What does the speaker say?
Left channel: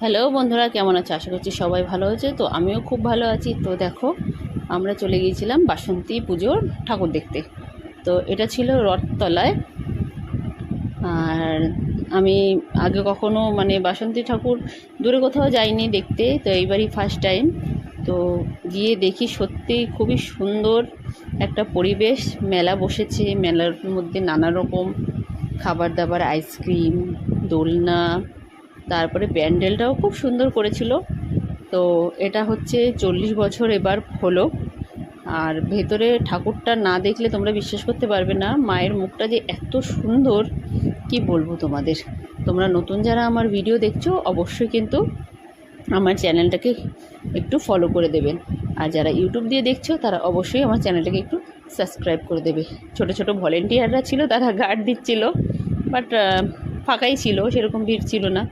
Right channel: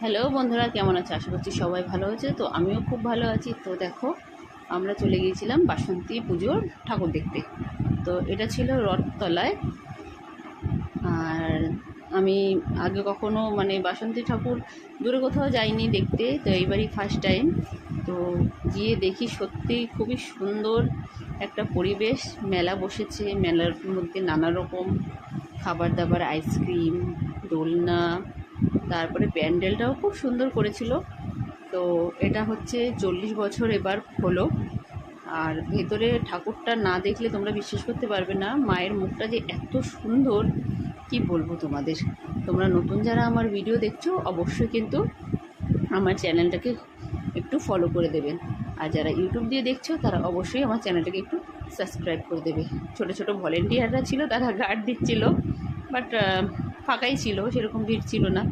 Hello বন্ধুরা, কেমন আছো? আশা করছি সবাই ভালো আছে। তো আমিও খুব ভালো আছি। তো দেখো, আমরা চলে গিয়েছিলাম বাসন্তী পুজোর ঠাকুর দেখতে। তো এটা ছিল রথতলায়। আর আমি আগে কখনো বাসন্তী ঠাকুর দূরে কোথাও যাইনি দেখতে, তো এইবারই ফার্স্ট টাইম। তো গিয়ে দেখি সত্যি খুবই সুন্দর একটা পরিবেশ। মেলা বসেছে, মেলার মধ্যে নানা রকম খাবার দাবার, আইসক্রিম, দোলনা, তারপরে প্যান্ডেলটাও খুব সুন্দর করেছিল। তো এটা হচ্ছে 40 বছর এবার হলো। আর ভেতরে ঠাকুরটা না দেখলে তোমরা বিশ্বাস করতে পারবে না, মায়ের মুখটা যে এত সুন্দর কি বলবো তোমাদের। তোমরা নতুন যারা আমার ভিডিও দেখছো অবশ্যই কিন্তু আমার চ্যানেলটাকে একটু ফলো করে দেবেন। আর যারা ইউটিউব দিয়ে দেখছো তারা অবশ্যই আমার চ্যানেলটাকে একটু সাবস্ক্রাইব করে দেবে। ছোট ছোট ভলেন্টিয়াররা ছিল, তারা গার্ড দিচ্ছিল, বাট ফাঁকাই ছিল, সেরকম ভিড় ছিল না।